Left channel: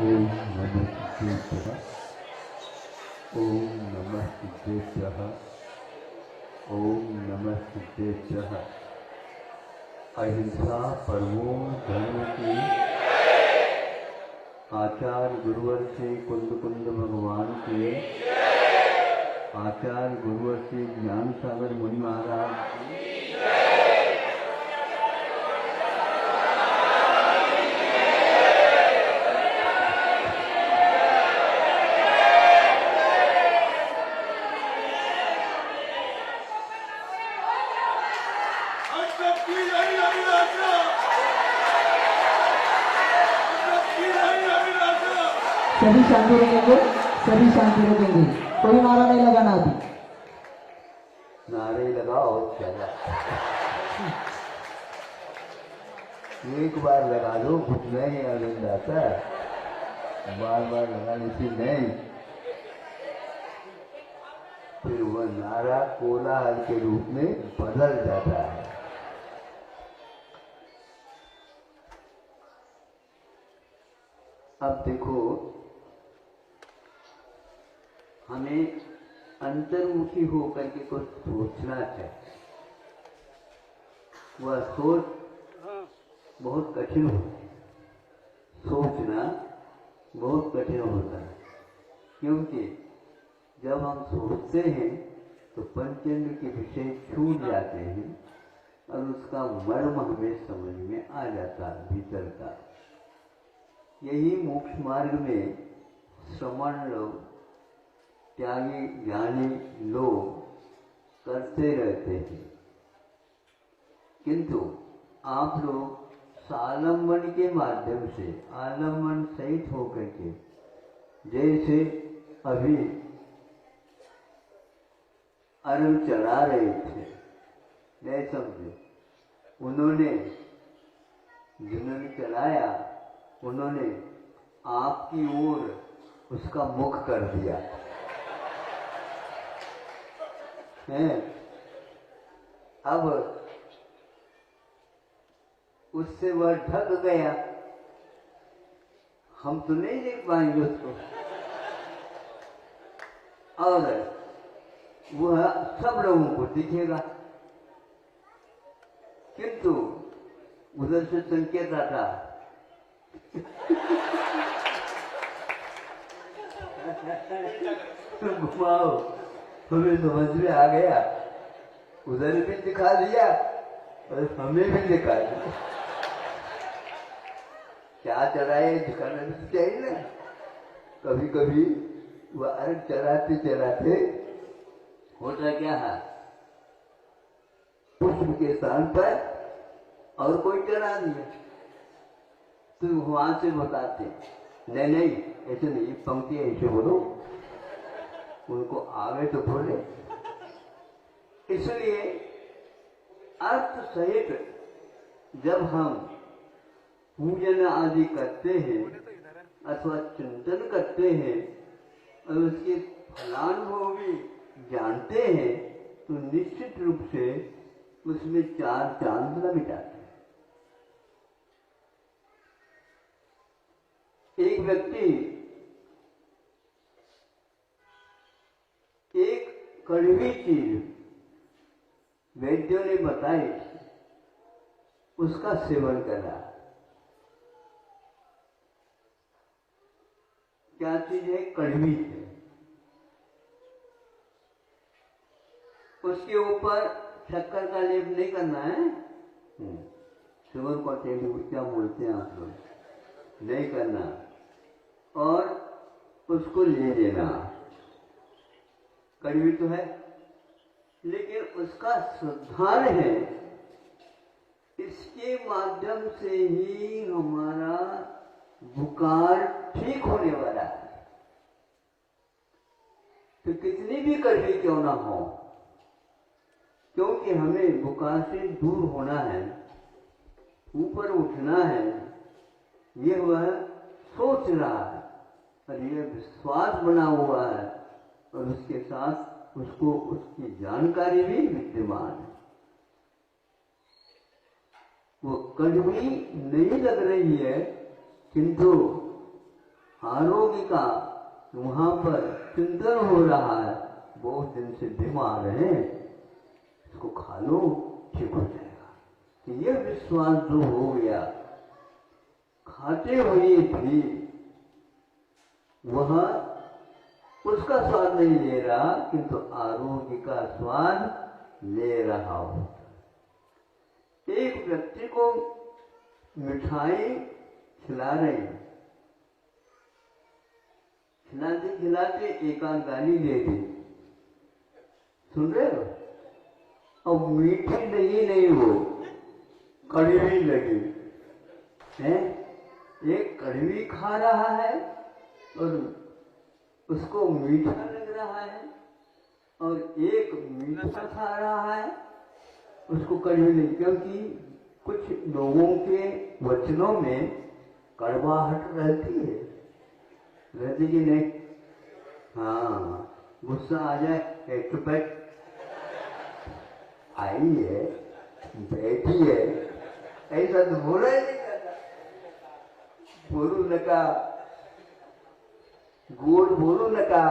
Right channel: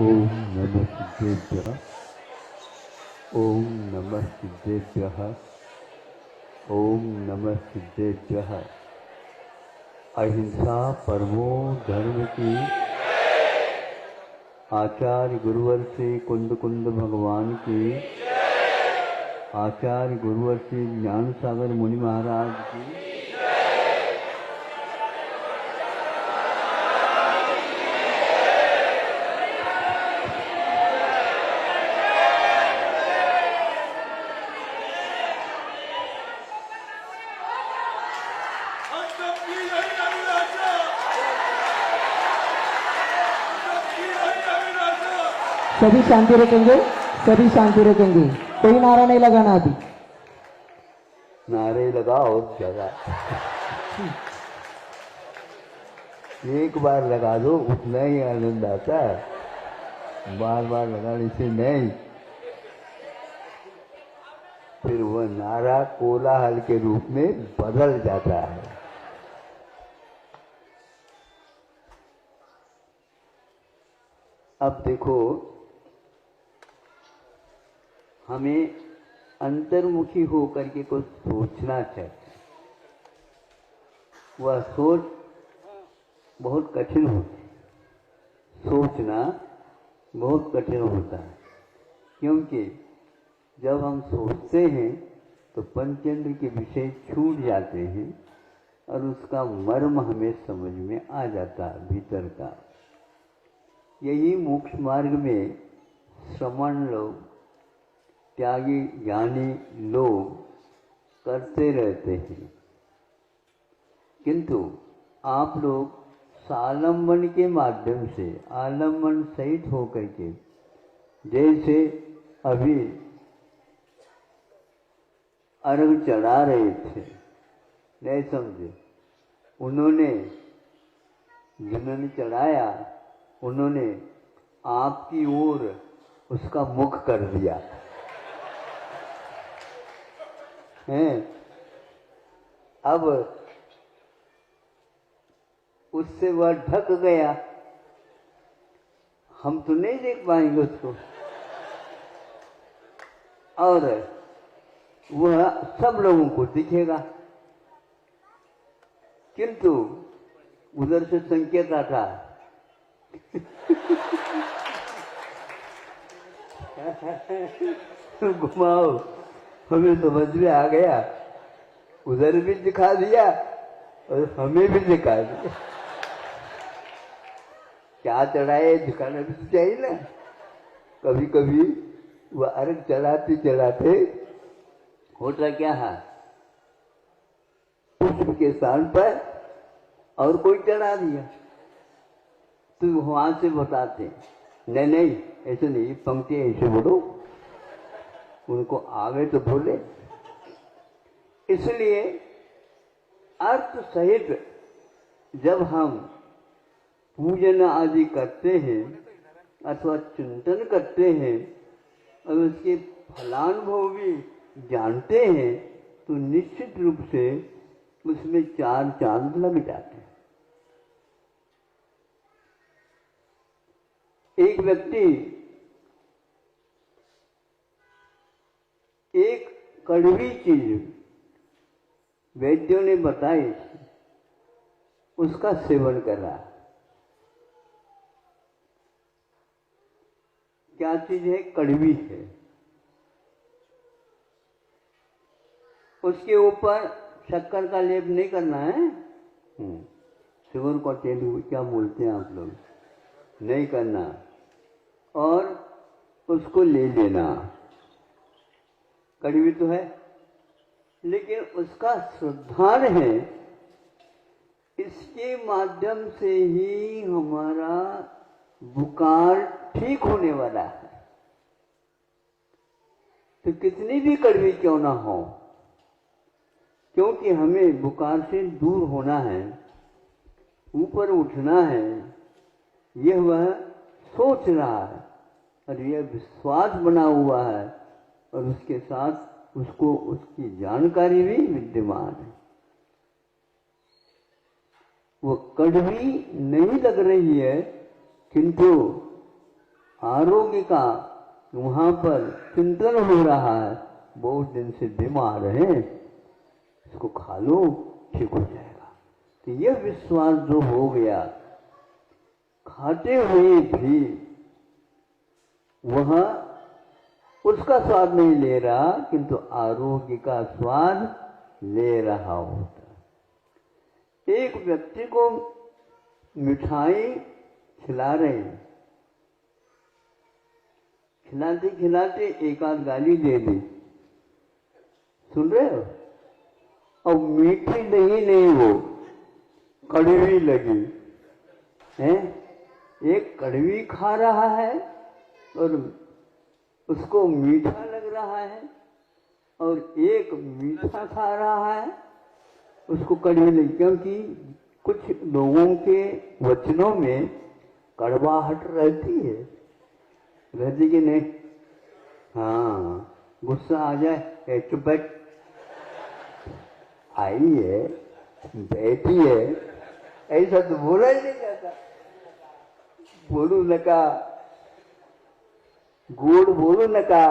ओम नमः सिद्धेभ्यः। ओम नमः सिद्धेभ्यः। ओम नमः सिद्धेभ्यः। अहिंसा परमो धर्म की आचार्य गुरुवर से कुंद कुंद भगवान की, आचार्य गुरुवर से ज्ञान सागर मुनि महाराज की, सभी शांति रखेंगे, सभी शांति रखेंगे। कोई नारा नहीं लगाना अभी। नारे लगाओ जरा, एक बार लगा दो, उतना ही आनंद आता है, बार बार लगाने से नहीं। फिर वह नारा कोलाहल के रूप में बदल जाता है। अब देखो, हमें अंतर्मुखी होकर के कुछ सोचना चाहिए। वह सोच बहुत कठिन होती है, सोचना बहुत कठिन होता है, क्योंकि जब हम सोचते हैं तो पंचेंद्र के विषय छूट जाते हैं और उसका मर्म हमें समझ में आ जाता है भीतर का। यही मोक्ष मार्ग में श्रमण लोग, त्यागी ज्ञानी लोग करते रहते हैं, किंतु आप लोग सालंबन के माध्यम से आलम्बन सहित होकर के, जैसे अभी अरब चढ़ा रहे थे, नहीं समझो, उन्होंने जिन्होंने चढ़ाया उन्होंने आपकी ओर उसका मुख कर दिया है। अब उससे वह ढक गया, हम तो नहीं देख पाएंगे उसको, और वह सब लोगों को दिखेगा, किंतु उधर से संकेत आता घुमाओ, हमें समझ में आ गया, उधर भी दिखा दिया और हमें भी दिखा दिया। क्या चढ़ाए, दिखाना भी तो चाहिए ना। कभी कभी वह अर्घ चलाते चलाते होता क्या है, पुष्प के स्थान पर और कोई चढ़ा दिया, तो वहां से बताते नहीं नहीं ऐसे नहीं, पंक्ति ऐसे बोलो, उनको आवे तो बोले। इसलिए अर्थ सहित जब हम पूजन आदि करते हैं अथवा चिंतन करते हैं और उसके फलानुभवी जानते हैं, तो निश्चित रूप से उसमें चार चांद लग जाते हैं। एक व्यक्ति एक कड़वी चीज वैद्यों ने बताई, उसका सेवन करा। क्या चीज है? कड़वी है। उसके ऊपर शक्कर का लेप नहीं करना है, सेवन को क्या बोलते हैं आप लोग, नहीं करना, और उसको ले लेना। कड़वी तो है, लेकिन उसका श्रद्धान है, इसके माध्यम से ही हमारा बुखार ठीक होने वाला है। तो कितनी भी कड़वी क्यों ना हो, क्योंकि हमें बुखार से दूर होना है, ऊपर उठना है, यह वह सोच रहा है और यह विश्वास बना हुआ है, और उसके साथ उसको उसकी जानकारी भी विद्यमान है। वो कड़वी नहीं लग रही है, किंतु आरोग्य का वहां पर चिंतन हो रहा है, बहुत दिन से बीमार है, इसको खा लो ठीक हो जाएगा। तो यह विश्वास जो हो गया, खाते हुए भी वह उसका स्वाद नहीं ले रहा, किंतु आरोग्य का स्वाद ले रहा होता। एक व्यक्ति को मिठाई खिला रहे, खिलाते खिलाते एक आध गाली दे दी, सुन रहे हो, और मीठी नहीं वो कड़वी लगी है। एक कड़वी खा रहा है और उसको मीठा लग रहा है, और एक मीठा खा रहा है उसको कड़वी लगी, क्योंकि कुछ लोगों के वचनों में कड़वाहट रहती कि नहीं। हाँ, गुस्सा आ जाए, चुप बैठ, आई है, बैठी है, ऐसा तो बोला ही नहीं जाता। बोलू लगा, गोड़ बोलू लगा,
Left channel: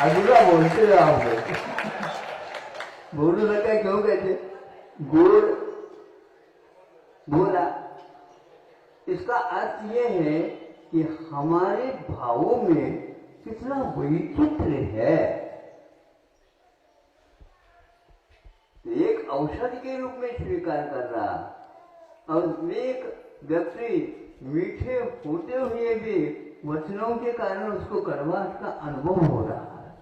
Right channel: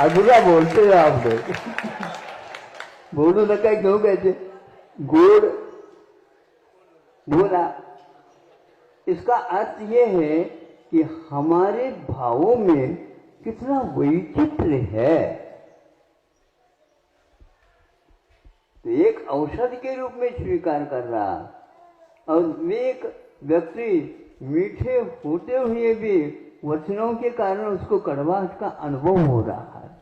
अधूरा बोलते हो आप बोलू लगा क्यों कहते, गोड़ बोला। इसका अर्थ यह है कि हमारे भावों में कितना वैचित्र्य है। तो एक औषधि के रूप में स्वीकार कर रहा, और एक व्यक्ति मीठे होते हुए भी वचनों के कारण उसको कड़वाहट का अनुभव हो रहा है।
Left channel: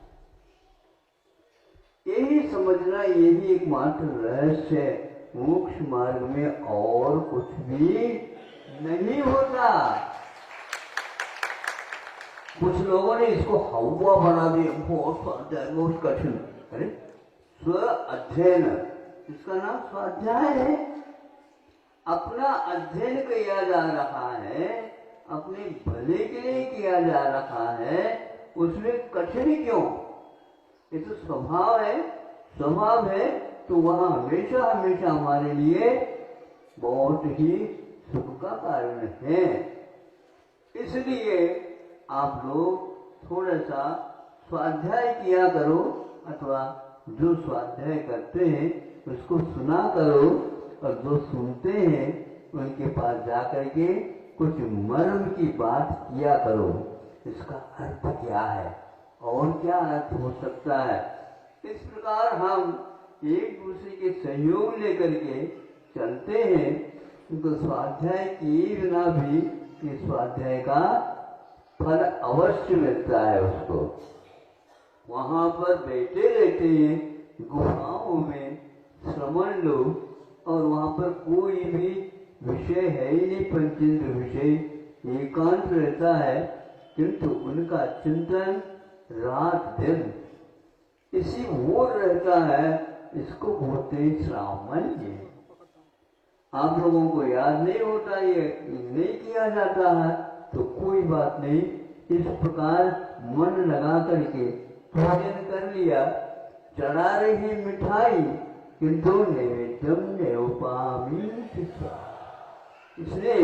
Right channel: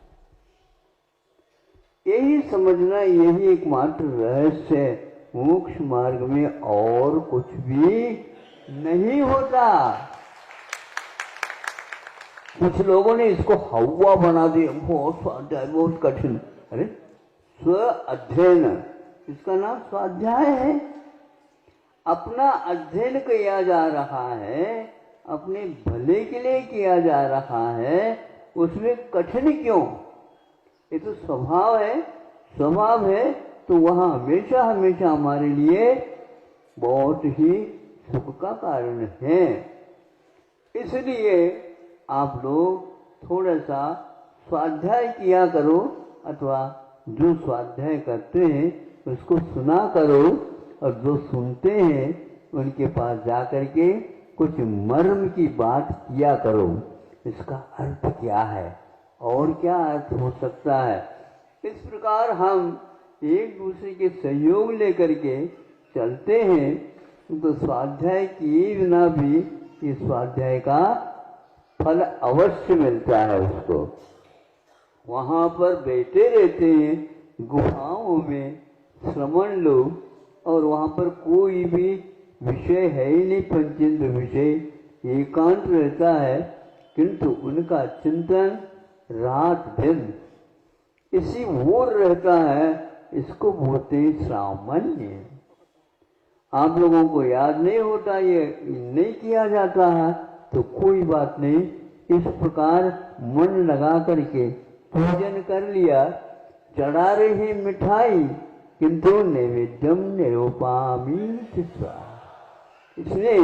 यही समझना, यही एकमात्र रहस्य है। मोक्ष मार्ग में और कुछ भी नहीं होता। कुछ लोगों ने इसको हवा बना दिया, बहुत स्वाध्याय, बहुत कठिन। अरे स्व अध्ययन, इसका नाम स्वाध्याय है। अपना अध्ययन किया जा रहा है, अपने भले के लिए किया जा रहा है, उसमें कठिन क्यों? ये तो स्वभाव है, स्वभाव है, तो वहां हमेशा हमेशा हमारे लिए बहुत ही सुख का कारण है। इसलिए आप लोग थोड़ा सा स्वाध्याय किया करो, अथवा जो स्वाध्याय करते हैं उसको सुना करो, और जो सुनते हैं उनके पास जाकर के कुछ मर्म की बात किया करो। इसका अर्थ क्या है और क्या अर्थ हो सकता है। इस प्रकार हम एक दूसरे के सहयोग लेकर के चलते हैं, तो स्वाध्याय किए बिना भी इस स्वाध्याय का फल अवश्य मिलता है उसको। वहां पर बैठे रहते हैं गुफाओं में श्रमण लोग, और वहां पर कोई भी विषय है ही नहीं, पंचेंद्र विषय, एकांत रहता है, किंतु उनका चिंतन रात दिन इसी ओर रहता है। इसको बोलते सामान्य। आप लोगों को याद नहीं होता, ये नहीं किया जाता है, तो कोई बात नहीं। इस प्रकार मन लगा करके पूजन कर लिया, चढ़ा रही मिठाई, किंतु नैवेद्यम नैवपामी। इसने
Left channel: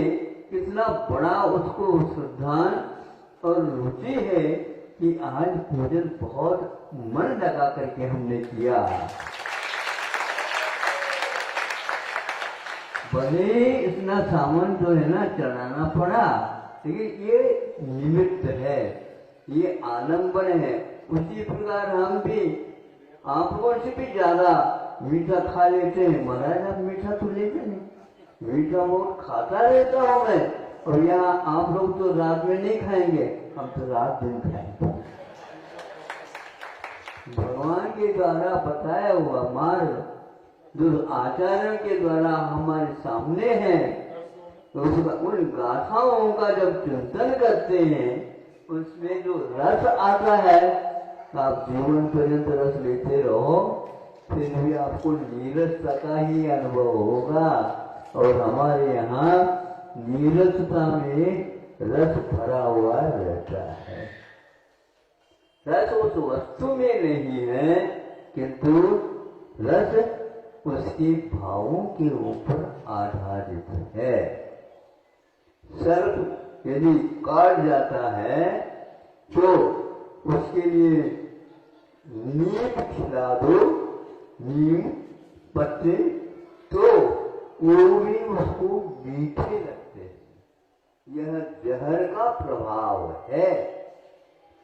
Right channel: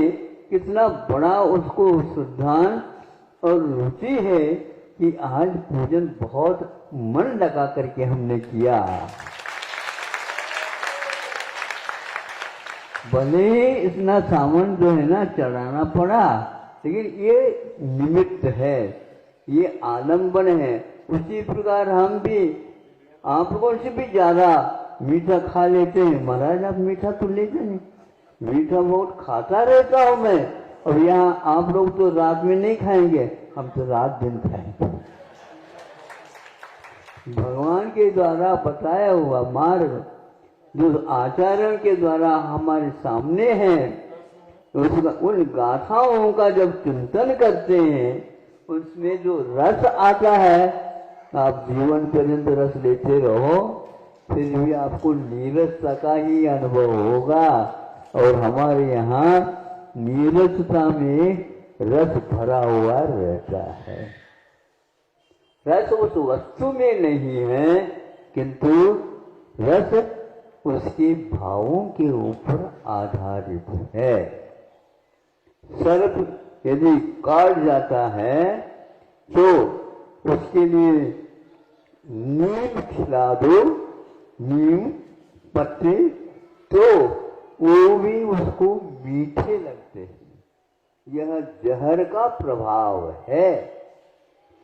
कितना बड़ा उसको श्रद्धा और रुचि है कि आज पूजन बहुत मन लगा करके हमने किया। भले इतना सामान जो है ना चढ़ाना पड़ा, लेकिन ये निमित्त है, ये आलम्बन है। उसी प्रकार हम भी आप लोगों से भी ज्यादा मीठा खा लेते हैं। महाराज आप मीठा तो लेते नहीं, मीठा बहुत खाता रहता हूं मैं, और यहाँ आप लोग तो रात में नहीं खाएंगे, हम तो रात दिन खाएंगे। भगवान के द्वारा बताया हुआ मार्ग जो आचार्यों के द्वारा हमारे सामने है, उन गाथाओं का जब चिंतन करते हैं, उसमें जो रस आता है, आप जीवन पर्यंत रस लेते रहो, फिर भी आपको नीरसता का ही अनुभव होगा। और हमारे यहाँ नीरसता में रस भरा हुआ रहता है। रस उस वस्तु में नहीं है, किंतु रस उसके भावों के ऊपर आधारित है। सर्प यदि काट जाता है तो उसके लिए नीम खिला दो, नीम पत्ते, तो वो भी उसको मीठे लगते हैं। यह जहर का प्रभाव है।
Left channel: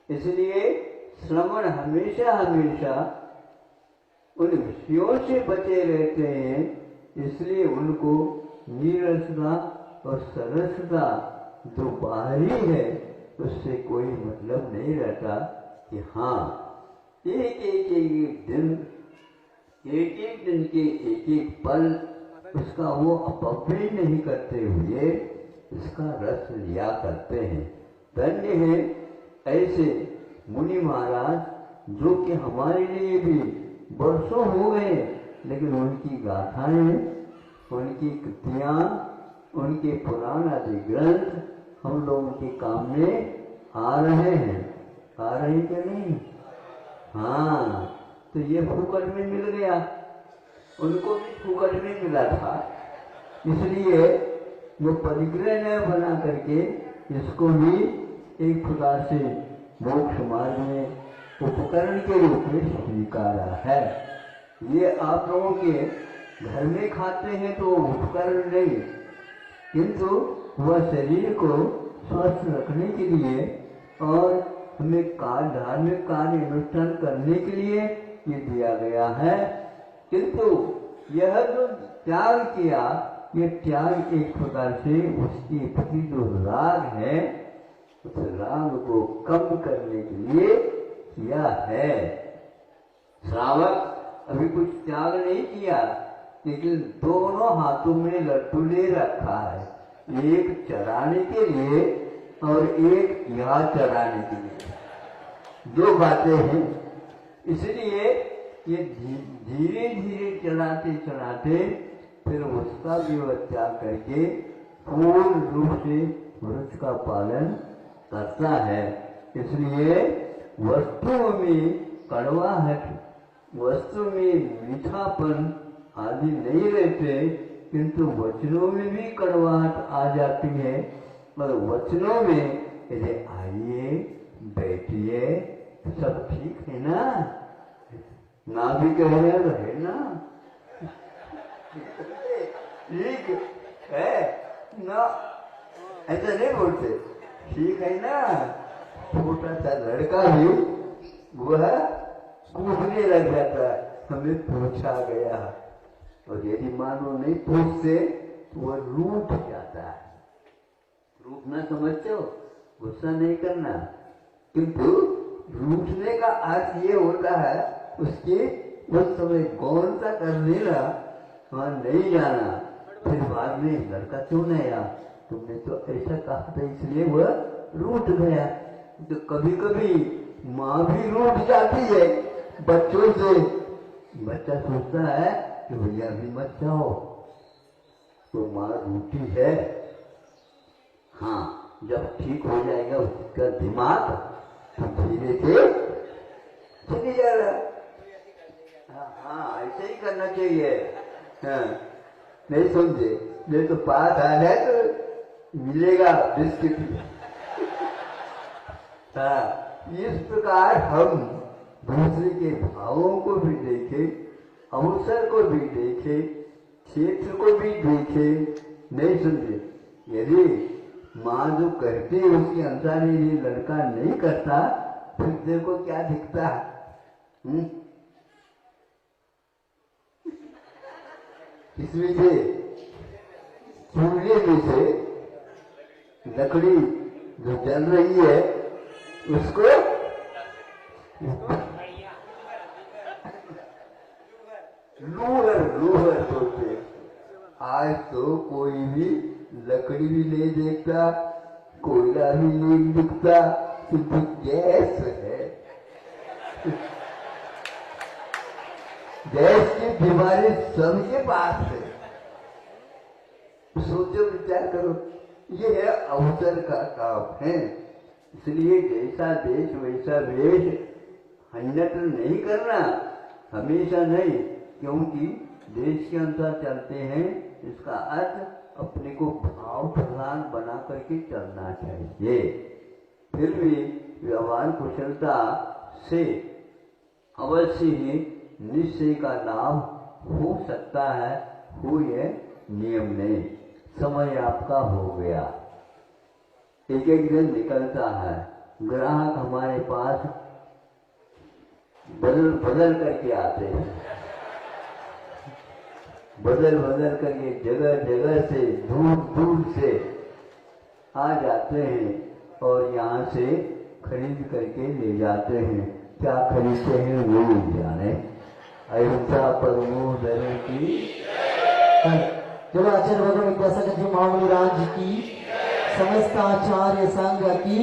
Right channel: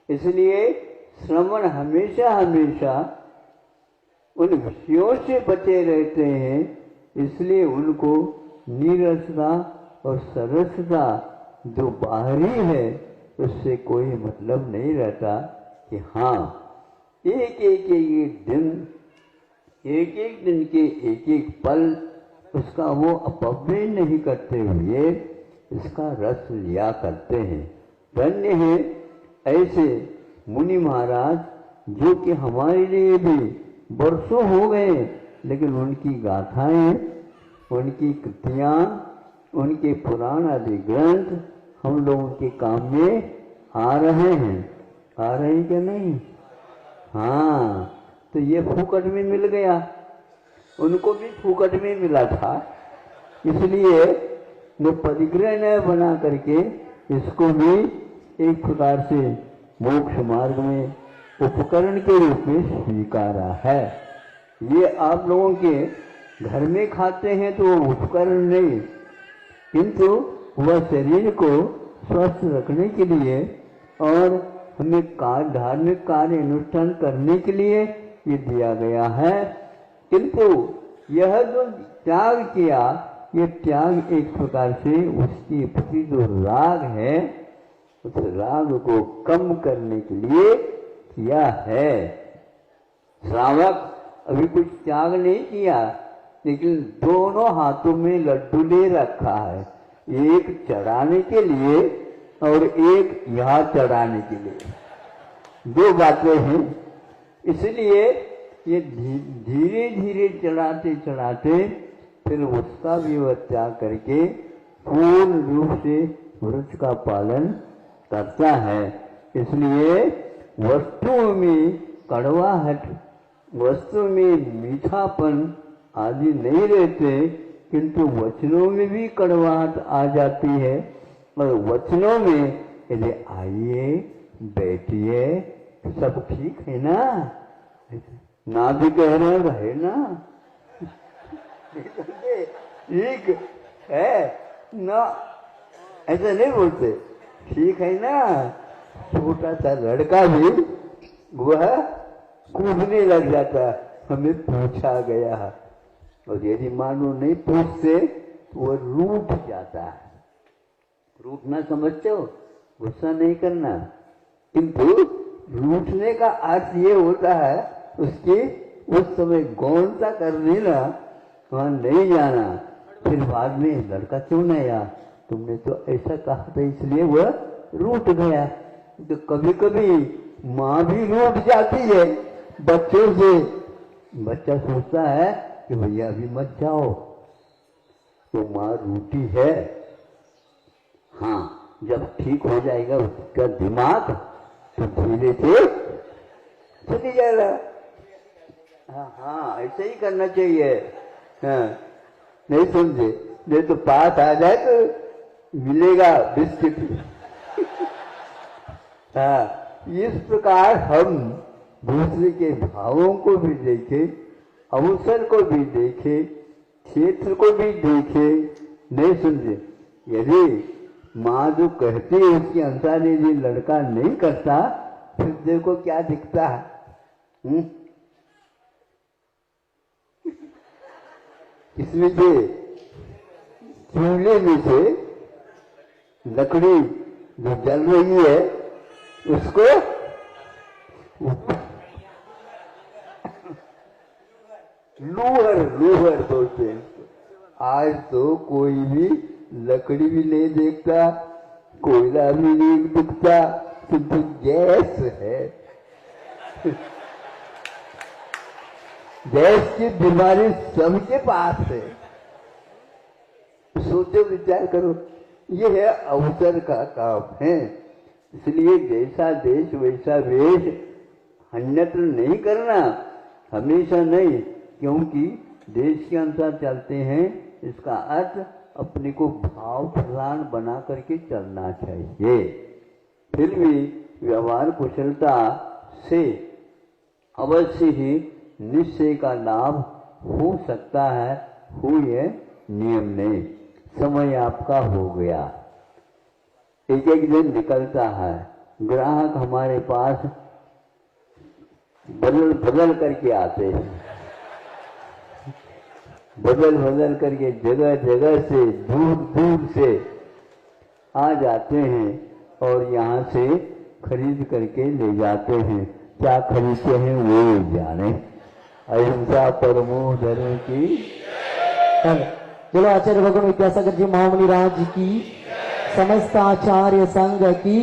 इसलिए श्रवण हमेशा हमेशा उन विषयों से बचे रहते हैं। इसलिए उनको नीरसता और सरसता जो बाहरी है उससे कोई मतलब नहीं रहता कि हाँ एक दिन के एक एक पल उसका वो अपव्यय नहीं करते हुए इसका रस लिया करते हैं। धन्य है ऐसे मुनि महाराज जो कि हमारे लिए भी वर्षों हो गए, लेकिन उनकी गाथाएं, उनकी कृतियां, उनके पुराण आदि ग्रंथ हम लोगों के काम में आ रहे हैं। आ रहे कि नहीं? हाँ, तो ये फूकट में मिल गया, उनको भी फूकट में मिला था। इसलिए वो परिग्रह न बना करके इसको भी एक प्रकार से मोक्ष मार्ग में उपकरण के रूप में स्वीकारा है। ये आप लोगों के घर में खाते हैं तो उपकरण नहीं, किंतु वह शरीर को स्वस्थ रखने के लिए और हमें धार्मिक कार्य अनुष्ठान करने के लिए ये दिया गया है। किंतु यह जो त्याग किया, ये त्याग एक प्रकार से उसकी प्रति जो राग है उस राग को कम करने के लिए किया है। श्रावक अभी कुछ त्याग नहीं किया, लेकिन दोनों हाथों में लड्डू ले रखा है, एक चढ़ाने के लिए और एक यहाँ चढ़ाने के लिए। दो बातें हैं। इसलिए ये धीरे धीरे चढ़ाते चढ़ाते फिर उसका भी वह त्याग करके पूर्ण रूप से व्रत का पालन करता है। इसलिए वस्तुओं में कड़वाहट, वस्तु में मीठापन आदि नहीं रहते, किंतु वचनों में भी कड़वाहट आ जाती है। और वचनों में यदि आइए बैठिए सब ठीक है ना, ना भी कह रहे ना, ठीक है ना, ऐसा नहीं बोलते, ठीक है ना। छोटा सा लड़का भी वह कूदने लग जाता, हमें पूछा गया, और यदि मानो नहीं पूछते तो वह रूठ जाता है। रूठना समझते हो, गुस्सा नहीं करना, किंतु रूठने का अर्थ ये होता है उसकी उस समय गौरता कर लेना, वहां नहीं जाना, फिर बाद में लड़का क्यों नहीं आया, तुमने तो ऐसा कहा था इसलिए वह रूठ गया। तो कभी कभी माँ भी रूठ जाती है बच्चों से। बच्चा सोचता है कि भैया अभी मत जाओ, तो माँ रूठी है। हाँ, जब ठीक हो जाएगा उसका दिमाग तो धीरे से चली जाएगा। हाँ, ऐसे ही करना चाहिए। हाँ, नहीं समझे, नहीं तो पास आ जाए तो मिलेगा बिस्किट। हाँ, इस प्रकार हम दूसरे के भावों को भी देखें, अवसर को भी देखें, क्षेत्र को भी देखें। नहीं समझे, यदि माँ जो कहती है उसके अनुसार यदि लड़का नहीं करता, फिर देखो क्या दिखता है। इसमें से चूल्हे में से लकड़ी जो जल रही है उसको लूहर बोलते। आज तो कोई भी लकड़ी भी नहीं देखता, कोयला भी नहीं दिखता, क्योंकि गैस है। गैस की बीमारी सबके पास है। सोचो, विचार करो, ये है अवसर का काम है। इसलिए जैसा देश वैसा वेश, अन्यत्र नहीं करना, हमेशा नहीं, क्योंकि देश के अनुसार चलते हैं। इसका अर्थ अपने को भाव प्रधान बना करके चलना चाहिए। फिर भी व्यवहार कुशलता से अवश्य ही निश्चय का लाभ हो सकता है, हुए नियम नहीं। समय आपका हो गया, एक एक दिन निकलता है, ग्राहक हमारे पास बदल करके आते हैं, बदल करके जगह जगह से दूर दूर से आ जाते हैं और यहाँ से खरीद करके ले जाते हैं। क्या खरीदते हैं वो जाने। अहिंसा परमो धर्म की। चलो आचार्य भगवान विद्यासागर जी महामुनि राज जी की, समस्त आचार्य संघ की